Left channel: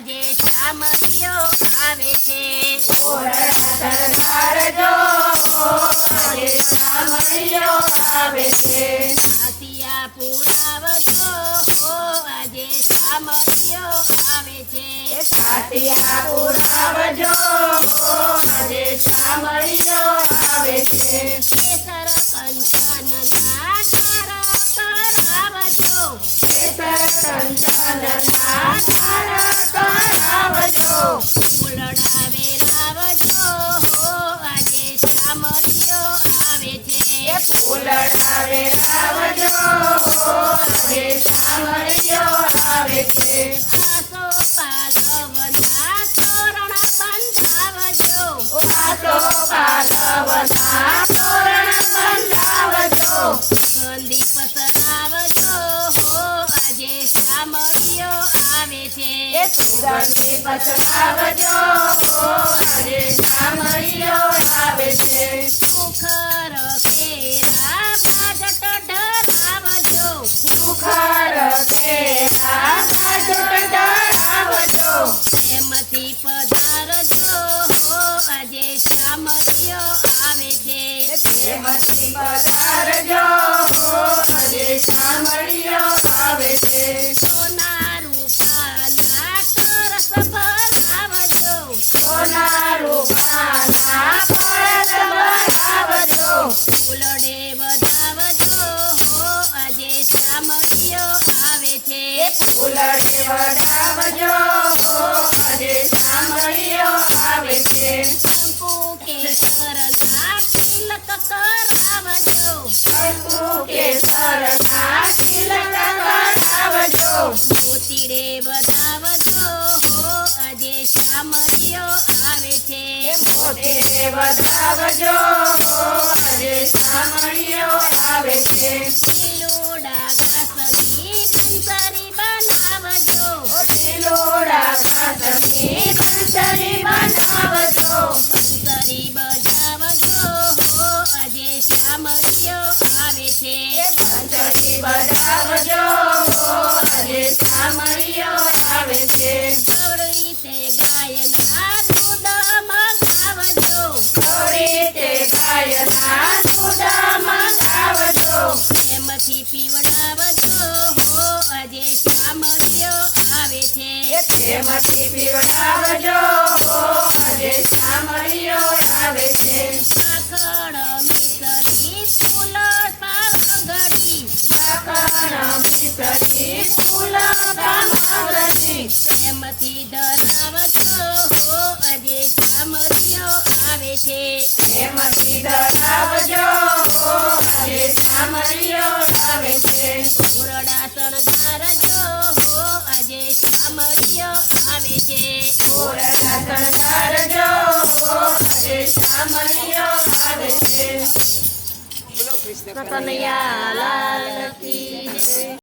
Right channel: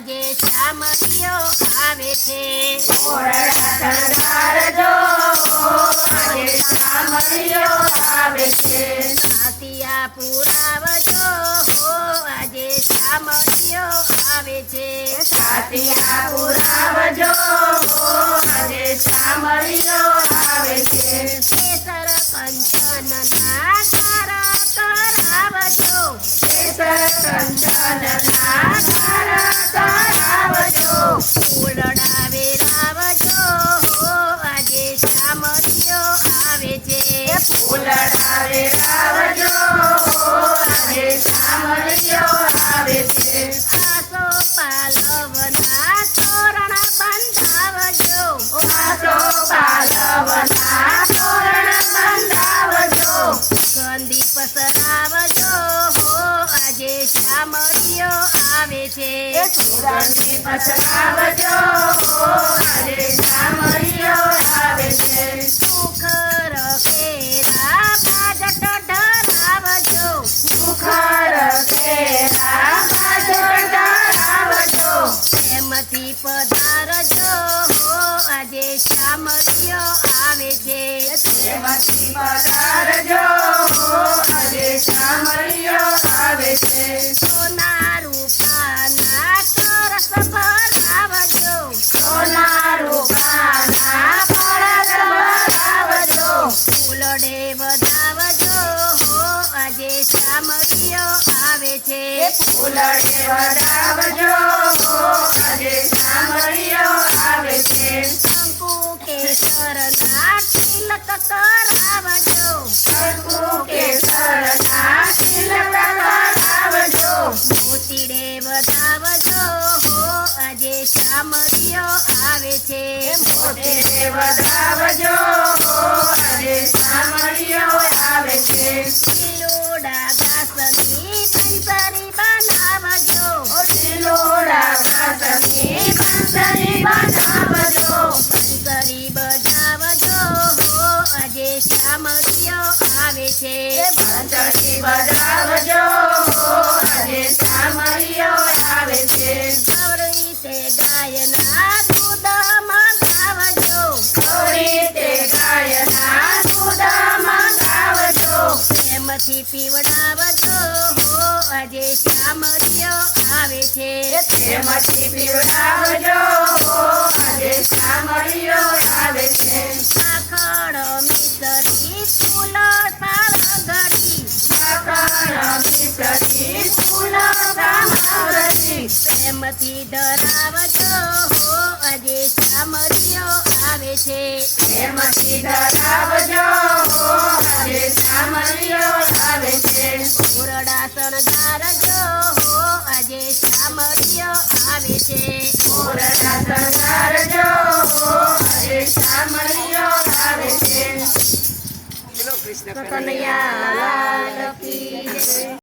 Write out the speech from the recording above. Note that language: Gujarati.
આજે શામળિયો આવે છે શણગારજો આજે શામળિયો આવે છે સાતિયા પુરાવજો આજે શામળિયો આવે છે સાતિયા પુરાવજો આજે શામળિયો આવે છે કેસર કંચનના ઘર કરાવજો કેસર કંચનના ઘર કરાવજો ફૂલડા વેરાવજો આજે શામળિયો આવે છે ફૂલડા વેરાવજો આજે શામળિયો આવે છે આસો પાલવના તોરણ બંધાવજો આસો પાલવના તોરણ બંધાવજો ગંદી પસરાવજો આજે શામળિયો આવે છે સુગંધી પસરાવજો આજે શામળિયો આવે છે સુખર કેરા બાજટ ધરાવજો સુખર કેરા બાજટ ધરાવજો પ્રેમથી પધારજો આજે શામળિયો આવે છે પ્રેમથી પધારજો આજે શામળિયો આવે છે સોના રૂપાના તરસ ભરાવજો સોના રૂપાના કળશ ભરાવજો ફૂલડે વધાવજો આજે શામળિયો આવે છે ફૂલડે વધાવજો આજે શામળિયો આવે છે શંકુ કેસરના તિલક કરાવજો શંકુ કેસરના તિલક કરાવજો મોતીડે વધાવજો આજે શામળિયો આવે છે મોતીડે વધાવજો આજે શામળિયો આવે છે લીલોડા ઘાસની બંસરી બનાવજો લીલોડા ઘાસની બંસરી બનાવજો બંસરી બજાવજો આજે શામળિયો આવે છે બંસરી બજાવજો આજે શામળિયો આવે છે ગૌરી તે ગાયના દૂધ મંગાવજો રીતે ગાયના દૂધ મંગાવજો પ્રેમથી પીવડાવજો આજે શામળિયો આવે છે પ્રેમથી પીવડાવજો આજે શામળિયો આવે છે આખડ મિસરી ફૂલ સાળગડી આખણ મિસરી ફૂલ બ્રહ્મગરી પ્રેમથી ધરાવજો આજે શામળિયો આવે છે પ્રેમથી ધરાવજો આજે શામળિયો આવે છે ઓરડા શણગારજો આજે શામળિયો આવે છે ઓરડા શણગારજો આજે શામળિયો આવે છે કનૈયા લાલ કી જય